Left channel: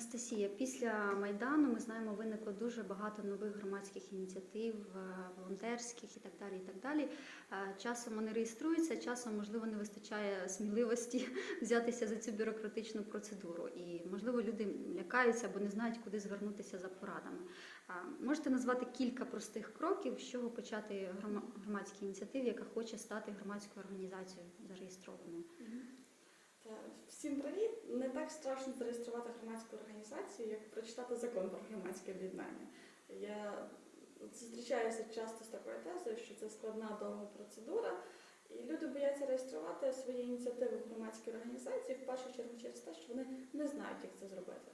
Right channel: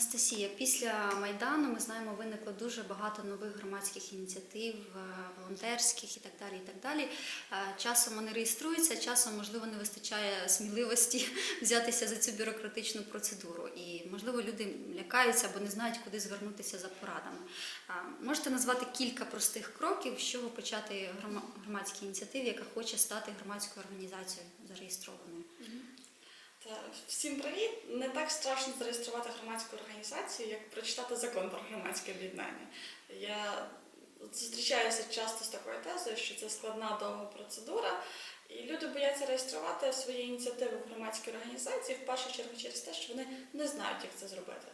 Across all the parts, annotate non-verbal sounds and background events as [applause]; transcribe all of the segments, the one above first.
Анастасія, після Майдану ми знаємо, виникло дуже багато нових громадських ініціатив, е, волонтерських і так далі. І так далі. Е, Часом вони реєструються, часом, можливо, не вистачає сміливості [laughs] взятися за цю бюрократичну процедуру. І, можливо, люди лякаються або не знають, куди звернутися за порадами. Е, Можете назвати кілька простих кроків, з чого почати грома- громадській ініціативі, яка хоче стати громадською організацією зареєстрованою? Всім привіт! Не так страшно зареєструвати громадську організацію, як прочитати закон про громадське об'єднання. Я зустрічаюся часто з такою тезою, що це складна довга процедура, і люди бояться реєструвати свої ініціативи в громадській організації в першу чергу через те, що вони не знають, як це зробити.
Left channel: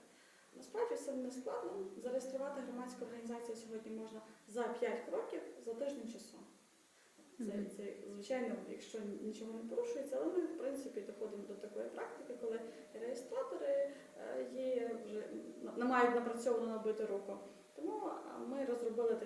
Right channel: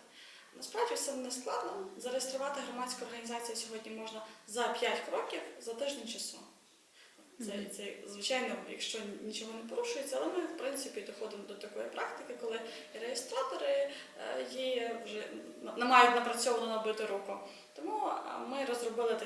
Насправді все не складно. Зареєструвати громадську організацію сьогодні можна за 5 кроків за тиждень часу. Це, це звичайно, якщо нічого не порушується, але ми в принципі доходимо до такої практики, коли реєстратори е, є вже на- мають напрацьовану набиту руку. Тому ми розробили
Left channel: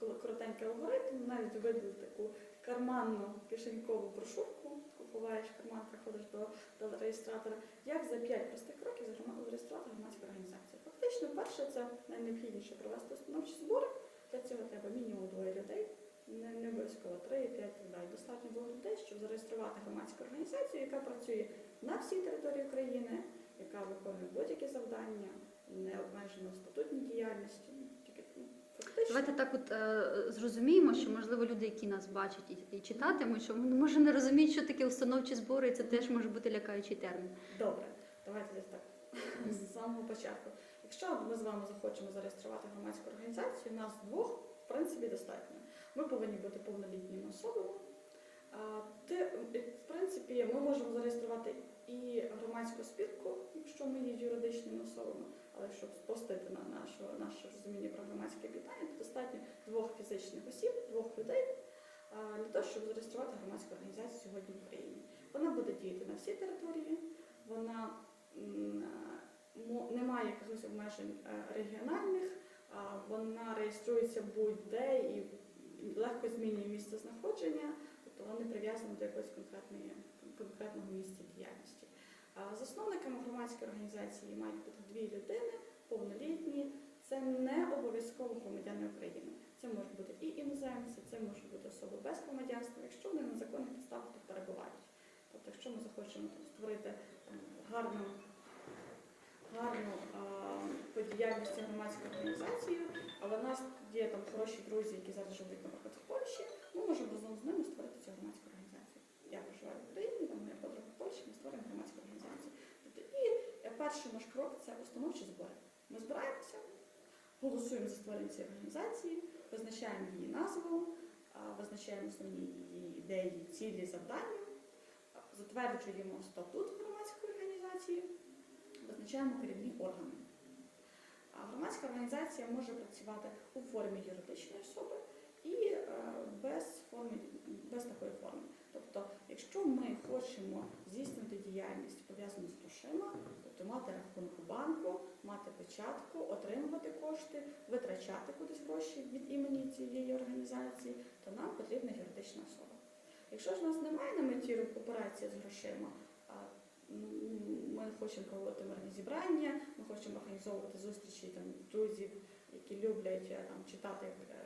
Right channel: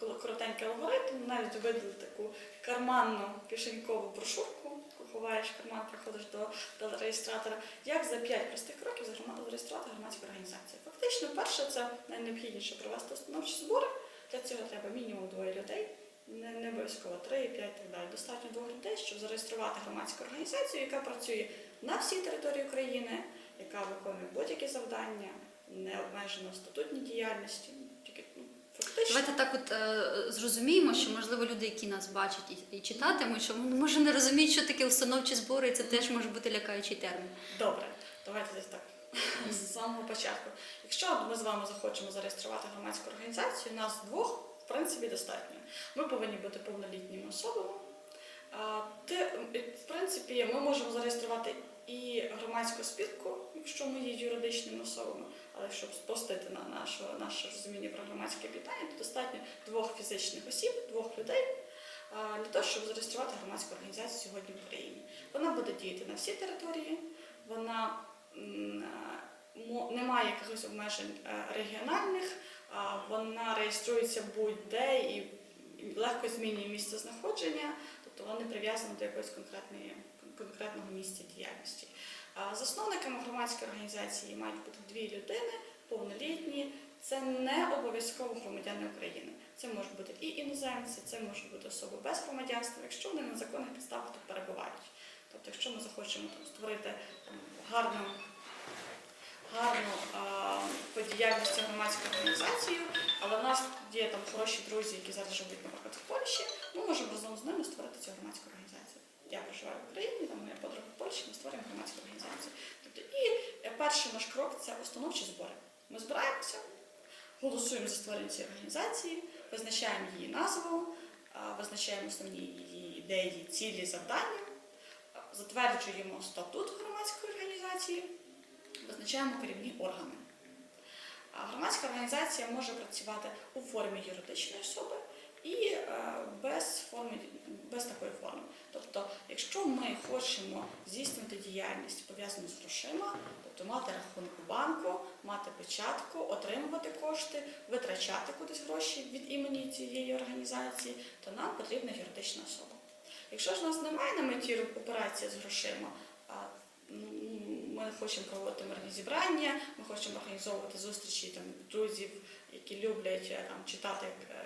кол- коротенький алгоритм, навіть видали таку карманну кишенькову брошурку, ховаєш карман, приходиш до, до реєстратора. Як за 5 простих кроків зареєструвати громадську організацію? Фактично, перше це найнеобхідніше провести установчі збори. Для цього треба мінімум двоє людей. Не, не обов'язково 3, 5 і так далі. Достатньо двох людей, щоб зареєструвати громадську організацію, яка працює на всій території України, яка виконує будь-які завдання, не обмежена в статутній діяльності. Тільки ну, фактично. Давайте так от е, зрозуміємо, що можливо люди, які нас бачать і, і читатимуть, що може не розуміють, що таке установчі збори, і це теж може бути лякаючий термін. Добре, давайте десь так з самого початку. Якщо ми з вами захочемо зареєструвати громадську організацію, нас двох в принципі достатньо. Ми повинні бути повнолітніми особами. В принципі, ми можемо зареєструвати і громадську спілку, якщо ми є юридичними особами, але щоб спростити на наше, наше розуміння про громадське об'єднання, то достатньо двох фізичних осіб, двох людей для того, щоб зареєструвати громадську організацію сьогодні в Україні. Вона буде діяти на всій території, вона не має якихось обмежень е, регіональних, вона реєструється будь-де і легко змінює місце знаходження, тобто вона не прив'язана до якогось конкретної, конкретного місця діяльності. А Засновниками громадської організації мають бути дві людини, повнолітні. Це не обов'язково громадяни України. Це можуть бути і іноземці, це можуть бути особи без громадянства, якщо вони на законних підставах тут перебувають. Тобто, якщо ми захочемо там, створити там, гарну, гарну по діяльності громадську організацію, але в нас є там хороші друзі, які зараз живуть, наприклад, в Польщі, ми можемо разом з ними створити цю громадську організацію. Я проживаю в Україні, там моя подруга в Польщі, ми створюємо громадську організацію. Тобто, і е, перший наш крок це установчі збори. Ми збираємося, голосуємо за створення цієї організації, визначаємо її назву, визначаємо основні її ідеї, цілі, завдання, затверджуємо статут громадської організації, визначаємо керівні органи. Громадська організація може працювати у формі юридичної особи і е, без, форми, без такої форми. Тобто, якщо ми хочемо здійснювати діяльність пов'язану з грошима, тобто мати рахунок у банку, мати печатку, отримувати кошти, витрачати кудись гроші від імені цієї організації, то нам потрібна юридична особа. Якщо ж у нас немає на меті операція з грошима, ми хочемо проводити мирні зібрання, ми хочемо організовувати зустрічі там, друзів, які люблять е, там, читати е,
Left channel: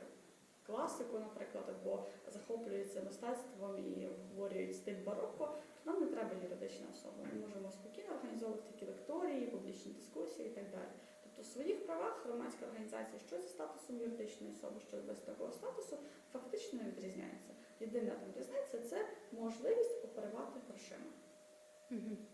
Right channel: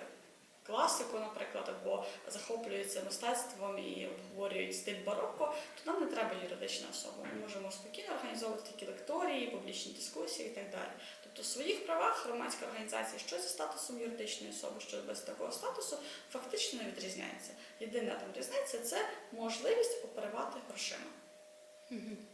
класику, наприклад, або захоплюються мистецтвом і обговорюють стиль бароко, то нам не треба юридична особа. Ми можемо спокійно організовувати такі лекторії, публічні дискусії і так далі. Тобто в своїх правах громадська організація, що зі статусом юридичної особи, що без такого статусу, фактично не відрізняється. Єдина там різниця це можливість оперувати грошима.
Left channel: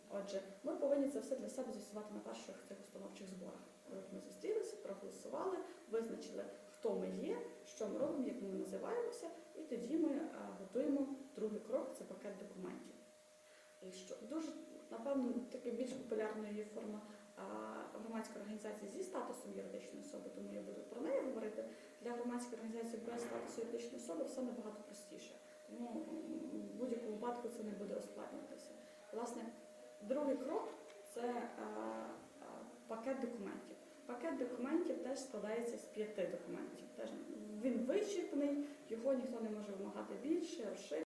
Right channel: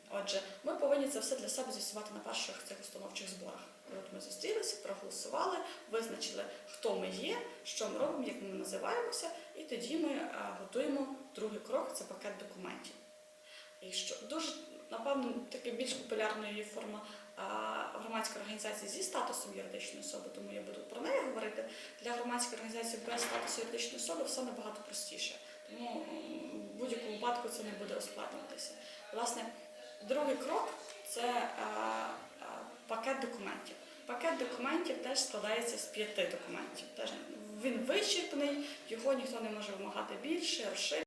Отже, ми повинні це все для себе з'ясувати на перших цих установчих зборах. От ми зустрілися, проголосували, визначили, хто ми є, що ми робимо, як ми називаємося, і тоді ми е, готуємо другий крок це пакет документів. І що дуже, напевно, таке більш популярною є форма е, громадської організації зі статусом юридичної особи, тому я буду про неї говорити. Для громадської організації без статусу юридичної особи все набагато простіше. Тому в будь-якому випадку це не буде ускладнюватися. Власне, другий крок це е, е, пакет документів. Пакет документів теж складається з п'яти документів. Теж він вичерпний, його ніхто не може вимагати більше, розширити.